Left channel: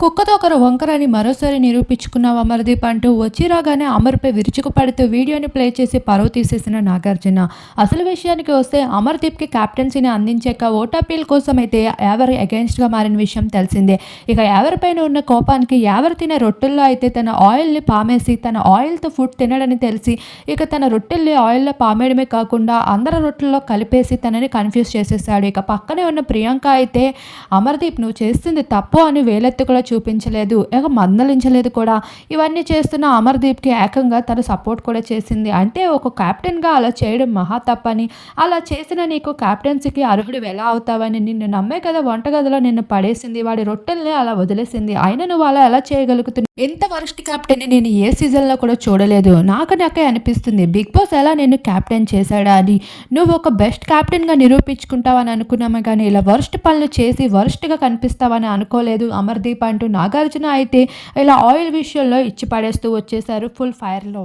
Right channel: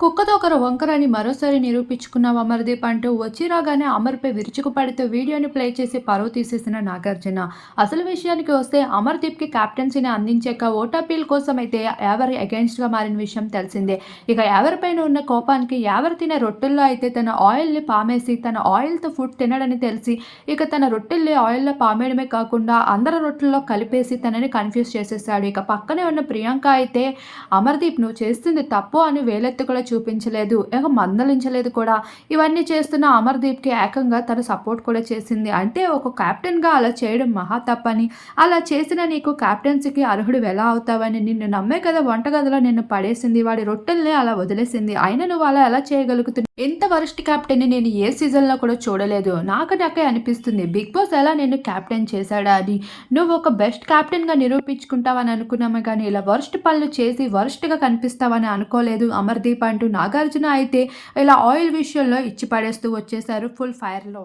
కుక్కతో ఒకరు వంకరని మరోసారి నిరూపించుకున్నావు అమర్దీప్ అంటూ వచ్చి రాగానే అమర్పై విరుచుకు పడుతూ వీడియోని ప్లే చేసి పరువు తీసేసిన నాగార్జున. అసలు విషయానికి వస్తే అమర్దీప్కి క్యాప్టెన్సీని అందించాక ఓటాపీల్ కోసం అయితే ఎవరు అగెన్స్ట్గా మారిన విషయం తెలిసిందే. ఇక ఎవరిపైన ఉన్న కోపానికి ఎవరు తినే రొట్టెల్లో అయితే తన ఆయిల్ని పామేసి తన ఆయిల్తో ఫుడ్ తినడని తెలిసి ఇక తన రొట్టెల్ని ఆయిల్లో పామేయడమే కాకుండా అందరి రొట్టెల్లో కలిపేసి తనని కన్ఫ్యూజ్ చేసేసాడు ఇక పక్కనే ఉన్న ప్రియాంక అయితే అమర్దీప్ నువ్వు చేస్తుంది తప్పు అని వేలెత్తుకుల చూపించలేదు ఇక మందలించలేదు కూడా. ఇవన్నీ చేస్తున్న అమర్దీప్కి ఏకంగా తన సపోర్ట్ కూడా చేసింది. అంటే ఒక క్యాప్టెన్గా అలా చేయడం మహా తప్పని అలా చేసిన నీకు క్యాప్టెన్సీకి అర్హుడు ఎలా అవుతావని నిన్ను నమ్మే కదా వంటగదిలో నిన్ను పడేసింది వాడి రొట్టెల్ని అలా వదిలేసింది. అయినా నువ్వు అలా ఎలా చేయగలుగుతున్నావు? ఎంత వరస్ట్ క్యాప్టెన్ని నేను ఏ సీజన్లో కూడా చూడలేదు. నాకు నాకే అనిపిస్తుంది బిగ్ బాస్ ఎలా నేను క్యాప్టెన్ చేశాడా అని. నువ్వు ఒక బెస్ట్ క్యాప్టెన్గా నిరూపించుకుంటావని అనుకున్నామే కానీ ఇలా వరస్ట్ పనులు చేసి వరస్ట్గా కనిపిస్తావని అనుకోలేదు అమర్దీప్ అంటూ నాగార్జున అయితే ఇలా ఆయిల్ విషయంలో ఇచ్చి పడేస్తూ వచ్చేసారు ఫుల్ ఫైర్లో.